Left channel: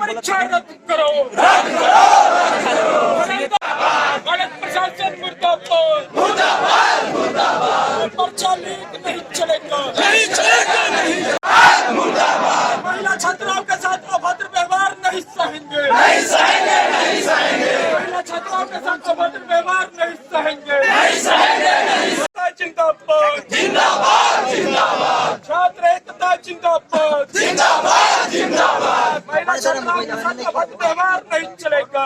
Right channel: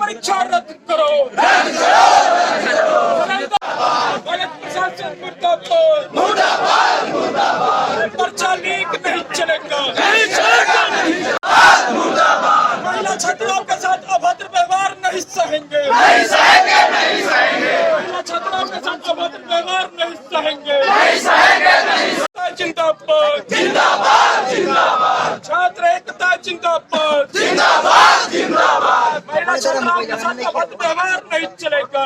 परीक्षा रद्द करो, गलत प्रशासन मुर्दाबाद, पर्चा लीक नहीं चलेगा, महिला छात्राओं के साथ अभद्र व्यवहार नहीं सहेंगे, महिला छात्राओं के साथ अभद्र व्यवहार नहीं सहेंगे, जिंदाबाद जिंदाबाद, छात्र एकता जिंदाबाद जिंदाबाद, महिला छात्राओं के साथ अभद्र व्यवहार नहीं चलेगा,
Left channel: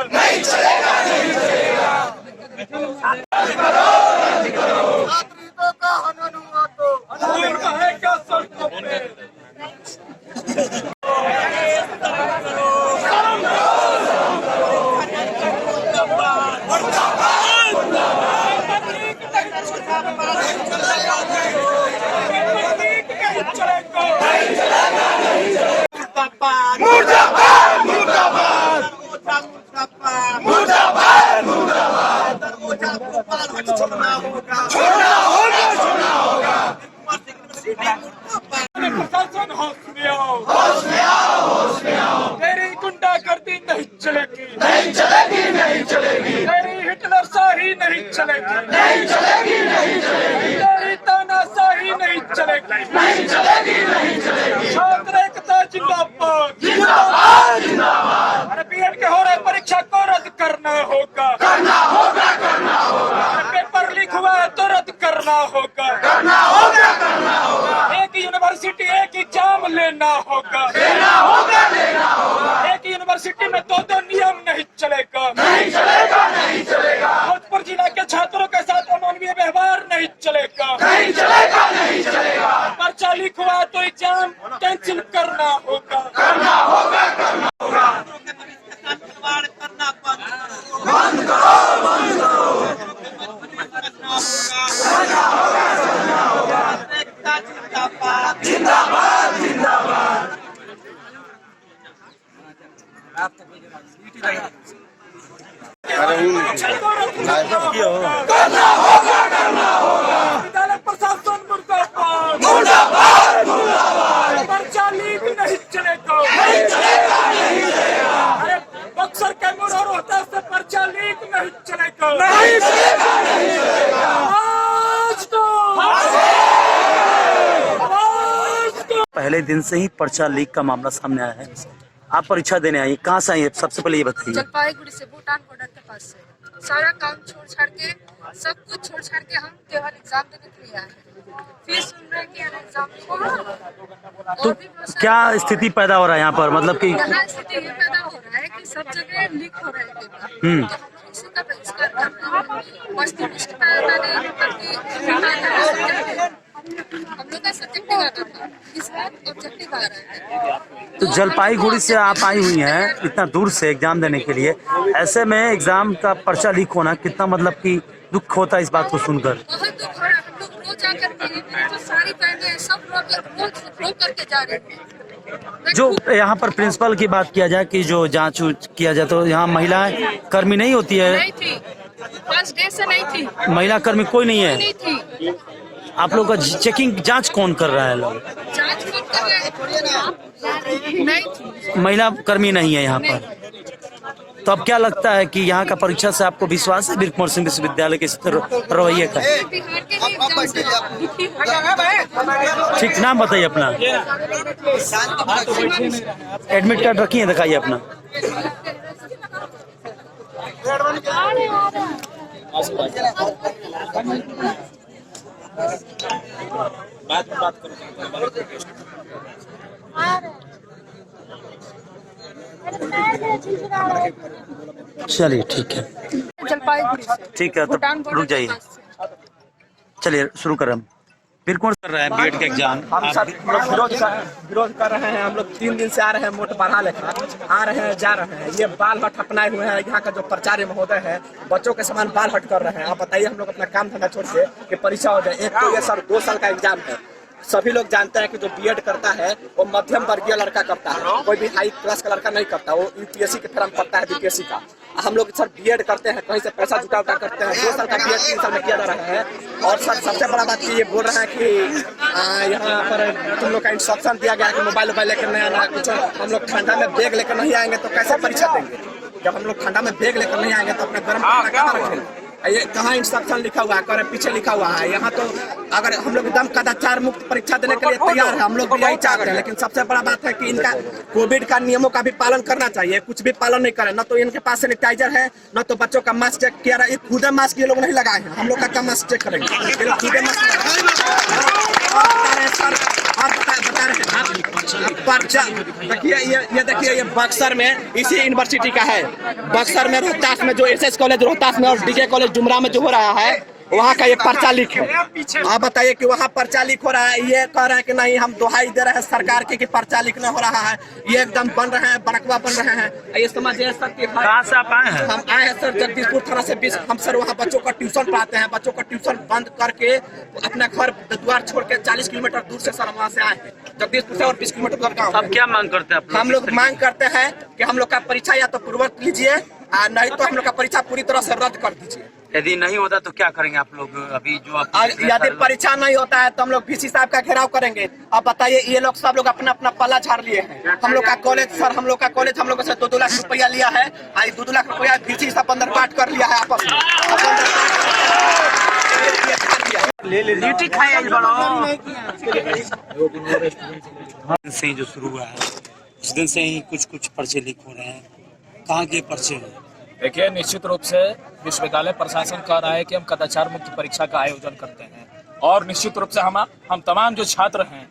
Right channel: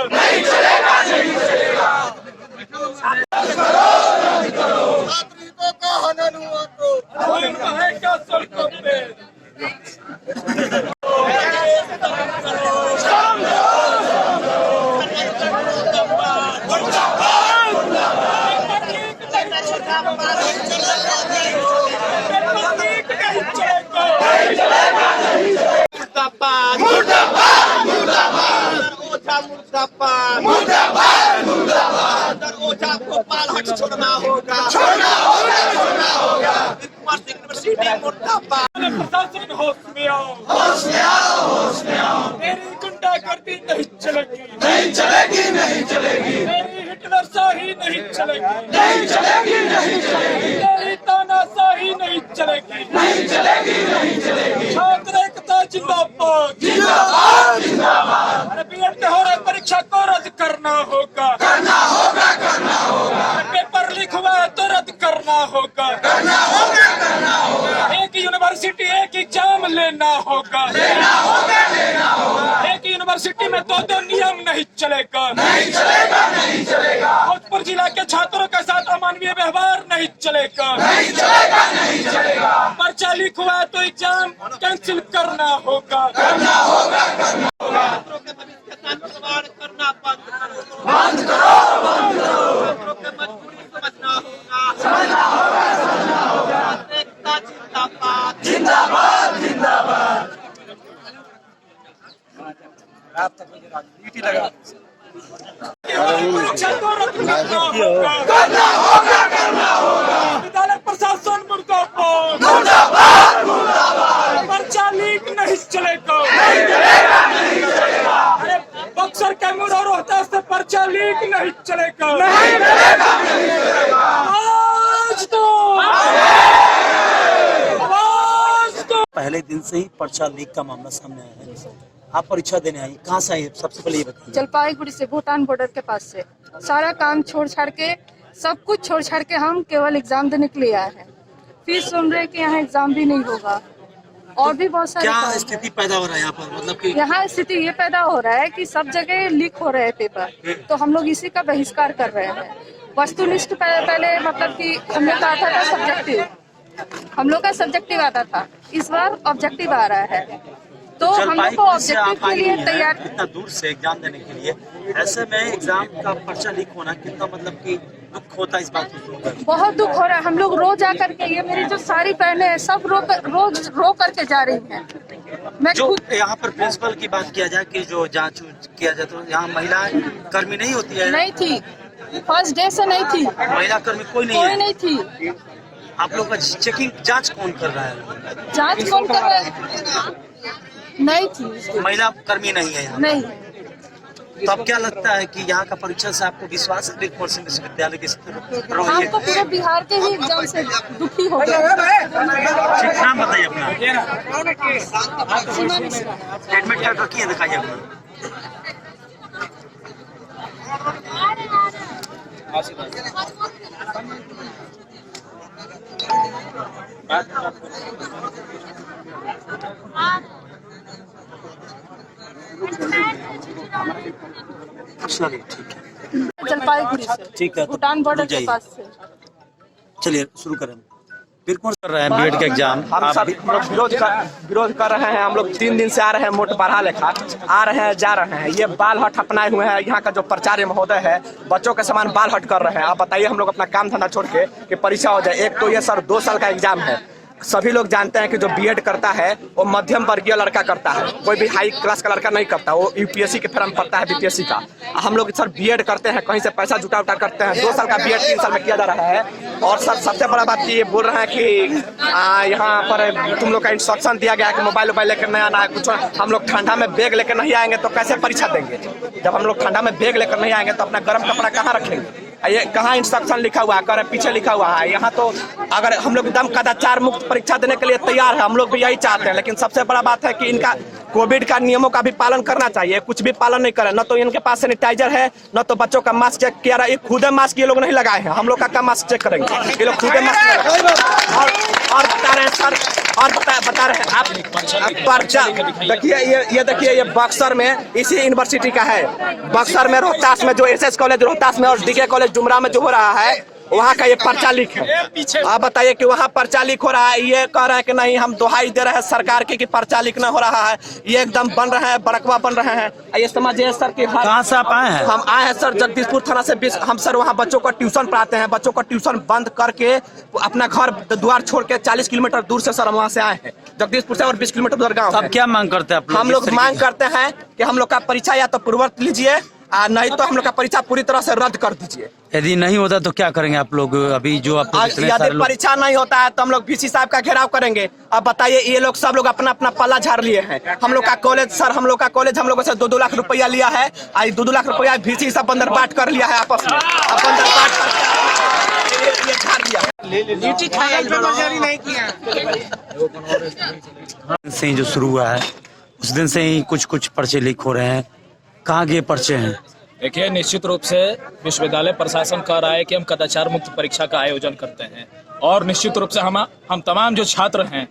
छात्र हितों का हनन हुआ तो है क्या सड़कों पे, छोड़ना होगा, प्रशासन होश में आओ, तेरी गुंडागर्दी नहीं चलेगी, तेरी हिटलरशाही नहीं चलेगी, तेरी तानाशाही नहीं चलेगी, छात्र एकता जिंदाबाद, अरे बीएड के हो रहे परीक्षा को रद्द करना होगा, पेपर लीक हुआ है तो रद्द करना होगा, एक यूनिवर्सिटी एक एग्जाम लेना होगा, एक यूनिवर्सिटी में दो नियम नहीं चलेगा, भोजपुर जिला के छात्रों के साथ अमानवीय व्यवहार नहीं चलेगा, पर्चा लीक हुआ है तो एग्जाम कैंसिल करना होगा, बंद करो, जिंदाबाद जिंदाबाद, विद्यालय प्रशासन मुर्दाबाद, पर्चा लीक नहीं चलेगा, अरे बक्सर कैमूर और रोहतास से पर्चा लीक नहीं चलेगा, पहले दिन से ही पर्चा लीक का मामला सामने आया है। आप परीक्षा देने आए, कहाँ से आई? सबसे पहले ये बताइए। जलपाईगुड़ी से, भूटान बॉर्डर के पास से। सारा काम छोड़ छाड़ के, सब कुछ छोड़ छाड़ के हम केवल एग्जाम देने के लिए आए हैं। फिर सुन रहे कि यहाँ एग्जाम भी नहीं होगा और भी बहुत सारे। क्या स्थिति पैदा हो रहा है यहाँ पर? मतलब कि यहाँ स्थिति ये पैदा हो रहा है कि सब जगह लीक हो रहे हैं पेपर, तो हम लोग इसी का बहिष्कार कर रहे हैं। वस्तुनिष्ठ पहले मतलब कि हम लोग का सब्जेक्टिव आता था, इस बार ऑब्जेक्टिव आ रहा है। तो जलपाईगुड़ी से आप आई हुई हैं इतना दूर से एग्जाम देने के लिए, ऐसे में एग्जाम का पर्चा लीक होना कितना मतलब कि दुख होता है इस बात को सुनकर? बहुत दुख हो रहा है। हम लोग रोज आकर के, ये मेरी जो सारी बहनें हैं सब रोज रो करके जा रही हैं। जो यहाँ पर प्रिंसिपल की बात किया जाए कि जो जांच किया जाए, तो यहाँ महिला कर्मी नहीं होती है? नहीं थी, फर्स्ट डे से नहीं थी महिला कर्मी, कोई नहीं है? नहीं थी। आप लोग का चेकिंग जांच कौन कर रहा है? लोग जांच कौन कर रहा है? नहीं थी, महिला कर्मी नहीं है यहाँ नहीं। तो अब क्या लगता है कि यहाँ का परीक्षा से आपको विश्वास है? वीर कुंवर सिंह विश्वविद्यालय के रवैये का? पूरे बिहार के ही एग्जाम से दुखी हो गए। ठीक, नाम बताइए अपना। एडमिट कार्ड रखिए, दिखाइए अपना। बात करो। चलिए ठीक है, जलपाईगुड़ी से, ठीक है, भूटान तो बॉर्डर के पास से। चलिए शुरू करें। फिर कौन कर रहे हैं बीएड का एग्जाम? हम लोग विरोध कर रहे हैं। हम लोग 3 दिन से आ रहे हैं, मोट पढ़ा लेखा आ रहे हैं, जा रहे हैं। ये बाल हट अपनाए हुए हैं। यहाँ का जो प्राचार्य महोदय है, बच्चों के समान बाल हट कर रहे हैं। आप बताइए, हम लोग अपना काम धंधा छोड़ के कि परीक्षा हो जाए। एक तो ये सर 2 साल का एग्जाम है, सभी लोग जानते हैं कि जो बीएड करता है वो मध्यम वर्गीय लड़का करता है, कोई भी हाई क्लास का लड़का नहीं करता। वो यूपीएससी के फॉर्म भरता है, बीपीएससी का। हम लोग सर बीएड करते हैं, कहीं से पैसा जुटा उटा करते हैं। 2 साल का बीएड 3 साल में किया जा रहा है। और सर सबसे बड़ा बात ये बोल रहे हैं कि यहाँ पर तुम लोग का इंस्ट्रक्शन दिया गया है कि मोबाइल लेकर नहीं आना है कुछ। हम लोग ठंडा में बैग लेकर नहीं आएंगे तो कैसे परीक्षा देंगे? जब हम लोग ठंडा में बैग लेकर नहीं आएंगे तो अपना गर्म कपड़ा कहाँ रखेंगे? ये कहाँ इंस्ट्रक्शन लिखा हुआ है? करे पीछे लिखा हुआ है। यहाँ तो अगर हम लोग एकदम कदाचार मुक्त परीक्षा देने के लिए तैयार है, हम लोग भी यही चाहते हैं। लेकिन सबसे बड़ा बात है कि इनका कोविड का नियमों का भी पालन करना चाहिए। कुछ भी पालन नहीं करे, न तो इनके पास सैनिटाइजर है, न तो बच्चों का मास्क चेक किया रहा है। खुदे मास्क ये लोग नहीं लगाए हैं, हम लोग का मास्क चेक करेंगे? ये लोग खुदे मास्क और बता रहे हैं सर, और बता रहे हैं आप पर्चा देखिए। ये देखिए, ये बक्सर में इसी यूनिवर्सिटी का है। बक्सर में रोहतास में जो एसएस कॉलेज रोहतास में और डीके कॉलेज डुमरा में जो हो रहा है, वहाँ का ये पर्चा लीक है। आप बताइए कि वहाँ पर्चा लीक हो रहा है। ये कह रहे हैं कि नहीं, हम दोहाई दे रहे हैं सरकार की कि पर्चा लीक न हो रहा है। ये एकदम बन रहे हैं, बड़कवा बन रहे हैं। ये समझिए सर कि कहाँ से आप आए हैं? हम आए हैं सर जगदीशपुर थाना से। हम सर वहाँ बच्चों को ट्यूशन पढ़ाते हैं। बच्चों को ट्यूशन बंद करके अपना घर द्वार छोड़ के 40 किलोमीटर दूर से सर हम वहाँ से आए हैं, जगदीशपुर से। और 20 किलोमीटर दूर गाँव है। क्या मांग करते हैं हम लोग मांग करते हैं कि हम लोग का परीक्षा या तो पूर्ववत लीजिए, नहीं तो हम लोग का परीक्षा पूरी तरह से रद्द कर दीजिए। यदि नहीं होता तो क्या करेंगे आप लोग? अभी जो आप यदि परीक्षा नहीं होता है तो हम लोग वीसी साहब का घेराव करेंगे। अब बताइए, ये लोग सब लोग अपना अपना पल्ला झाड़ लिए हैं। हम लोग का कॉलेज सर, हम लोग का कॉलेज हम लोगों से 2-2 लाख रुपया लिया है। 2-2 लाख रुपया वीसी सब अंदर बांट कर लिया है आपस में। अब अंदर बांट कर झाड़ लिया से जो शुरू हुआ है उस दिन से ही कुछ पर्चे लीक हो रहे हैं। कहाँ के पर्चे हैं? देखिए, निश्चित रूप से विश्वविद्यालय प्रशासन कह रहा है कि हम कदाचार मुक्त परीक्षा का आयोजन करते हैं। और निश्चित रूप से हम तमाम जो छात्र हैं,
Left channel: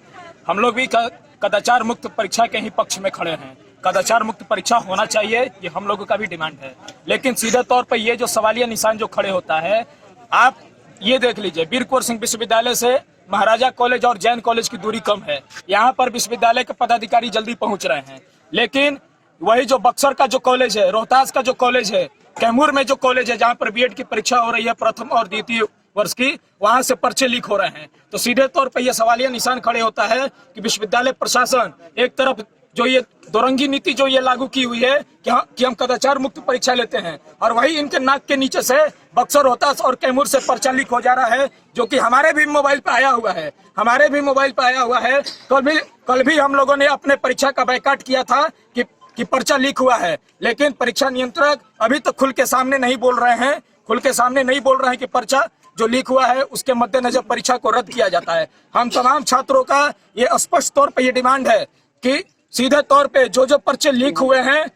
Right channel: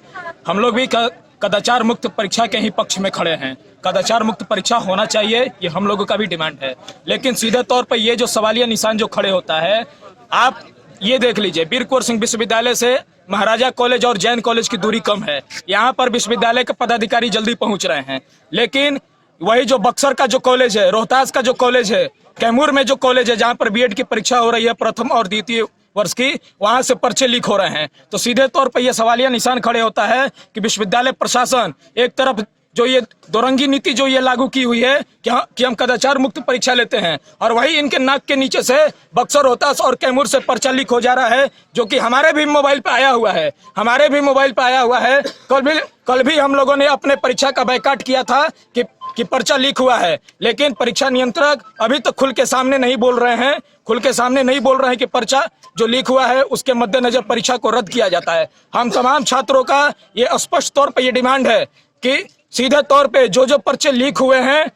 हम लोग भी कदाचार मुक्त परीक्षा के ही पक्ष में खड़े हैं। कदाचार मुक्त परीक्षा होना चाहिए, ये हम लोगों का भी डिमांड है। लेकिन सीधे तौर पर ये जो सवालिया निशान जो खड़े होता है, आप ये देख लीजिए, वीर कुंवर सिंह विश्वविद्यालय से महाराजा कॉलेज और जैन कॉलेज की दूरी कम है। यहाँ पर विश्वविद्यालय के पदाधिकारी जल्दी पहुंच रहे हैं। लेकिन वही जो बक्सर का जो कॉलेज है, रोहतास का जो कॉलेज है, कैमूर में जो कॉलेज है, जहाँ पर बीएड की परीक्षा हो रही है प्रथम और द्वितीय वर्ष की, वहां से पर्चे लीक हो रहे हैं। तो सीधे तौर पर यह सवालिया निशान खड़े होता है कि विश्वविद्यालय प्रशासन एक तरफ जो ये दोरंगी नीति जो ये लागू की हुई है कि हम कदाचार मुक्त परीक्षा लेते हैं, और वही इनके नाक के नीचे से बक्सर, रोहतास और कैमूर से पर्चा लीक हो जा रहा है, जो कि हमारे भी मोबाइल पे आया हुआ है। कल भी हम लोगों ने अपने परीक्षा का बायकॉट किया था कि पर्चा लीक हुआ है। लेकिन परीक्षा नियंत्रक अभी तक खुल के सामने नहीं बोल रहे हैं कि पर्चा जो लीक हुआ है उसके मद्देनजर परीक्षा को रद्द किया जाता है। हम तमाम छात्रों का ये स्पष्ट तौर पर ये डिमांड है कि सीधे तौर पे जो पर्चे लीक हुए हैं,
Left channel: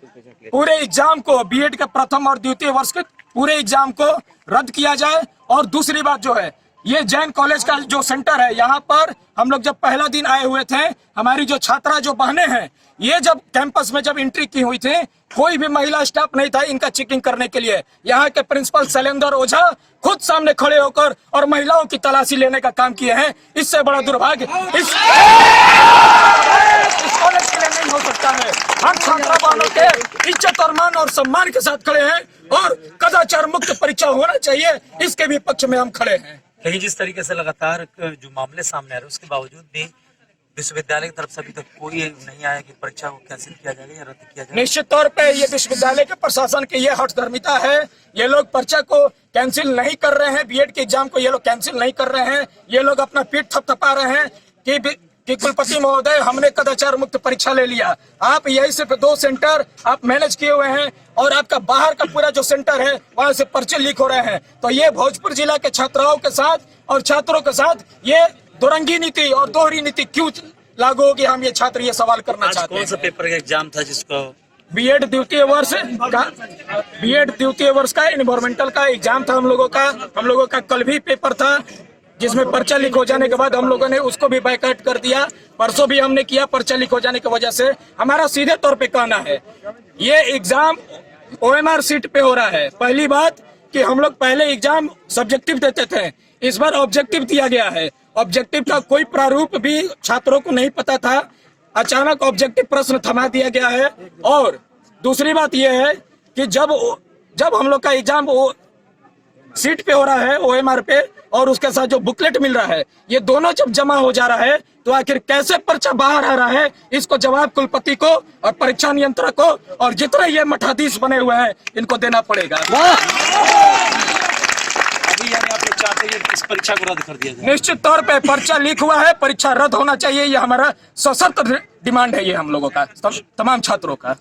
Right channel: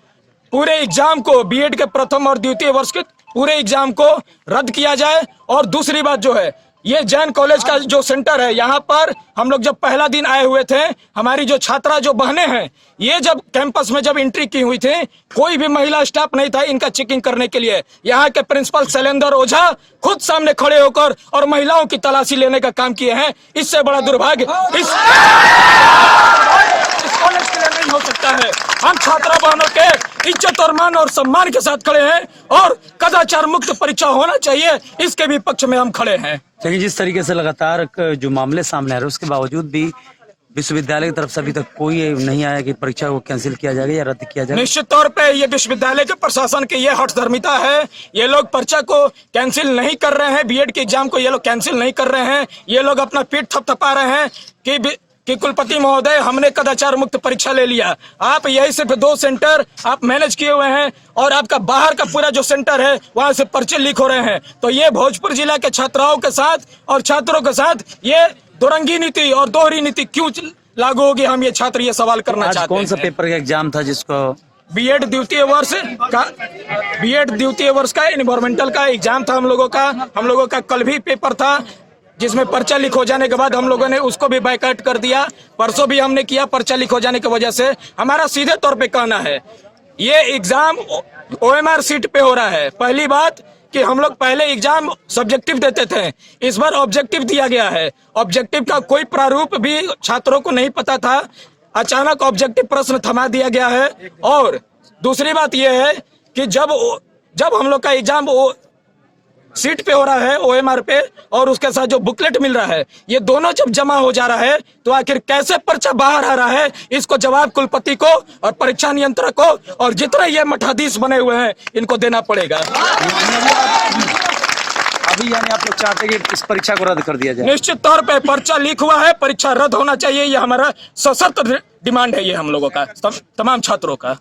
पूरे एग्जाम को, बीएड के प्रथम और द्वितीय वर्ष के पूरे एग्जाम को रद्द किया जाए। और दूसरी बात जो है, ये जैन कॉलेज का जो सेंटर है, यहाँ पर हम लोग जब पहला दिन आए हुए थे, हमारी जो छात्रा जो बहनें हैं, ये जब कैंपस में जब एंट्री की हुई थी, कोई भी महिला स्टाफ नहीं था इनका चेकिंग करने के लिए। यहाँ के प्रिंसिपल शैलेंद्र ओझा खुद सामने खड़े होकर और महिलाओं की तलाशी लेने का काम किए हैं। इससे बड़ा दुर्भाग्य इस कॉलेज के लिए नहीं हो सकता है। हम छात्रा बहनों के इज्जत और मान और सम्मान के साथ खड़े हैं और कदाचार मुक्त परीक्षा होना चाहिए, इसके भी पक्ष में हम खड़े हैं। चाहिए जिस तरीके से लगातार जो मामले सामने आ रहे हैं, उसके बावजूद भी विश्वविद्यालय की तरफ से अभी तक कोई नहीं आया कि परीक्षा को कैंसिल किया जाएगा या रद्द किया जाएगा। निश्चित तौर पे ये विश्वविद्यालय के प्रशासन की ये हठधर्मिता है। ये लोग पर्चा को कैंसिल नहीं कर रहे हैं, बीएड के एग्जाम को ये लोग कैंसिल नहीं कर रहे हैं। ये लोग अपना पीठ थपथपा रहे हैं कि कुलपति महोदय, हमने कदाचार मुक्त परीक्षा ले लिया। आप यही सिर्फ 2 सेंटर आप मैनेज किए हुए हैं और आपका बाहर का पूरा जो सेंटर है वहां से पर्चे लीक हो रहे हैं। तो ये भोजपुर जिला के छात्राओं के साथ और छात्रों के साथ ये दोरंगी नीति और दोहरी नीति क्यों लागू होगी, हम ये छात्र ये सवाल करना चाहते हैं। कौन सा पेपर का एग्जाम था जिसको? बीएड द्वितीय वर्ष का एनवायरमेंटल का एग्जाम था हम लोगों का कल भी पेपर था, जिसमें पर्चा लीक हो जाने के बाद हम लोगों ने उसको भी बायकॉट कर दिया। परसों भी हमने किया, पर्चा लीक हो जाने की वजह से। हमारा सीधे तौर पे कहना है, ये एग्जाम ओएमआर सीट पे हो रहा है। पहली बात कि हम लोग पहले एग्जाम सब्जेक्टिव देते थे, इस बार ऑब्जेक्टिव दिया गया है। ऑब्जेक्टिव का कोई प्रारूप भी छात्रों को नहीं पता था, अचानक ऑब्जेक्टिव प्रश्न थमा दिया गया है। और दूसरी बात यह है कि जब हम लोग का एग्जाम सीट पे हो रहा है OMR पे, और उसके साथ जो बुकलेट मिल रहा है, ये दोनों जब जमा हो जा रहा है तो आखिर कैसे पर्चा बाहर आ रहा है, इसको जवाब कुलपति को और परीक्षा नियंत्रक को और जितने ये मठाधीश बने हुए हैं इनको देना पड़ेगा। अभी यानी आप लोग चाहते हैं कि इस परीक्षा को रद्द कर दिया जाए? निश्चित तौर पे पर्चा लीक हुआ है, परीक्षा रद्द होना चाहिए, ये हमारा सशर्त डिमांड है, ये हम लोगों का, तमाम छात्रों का।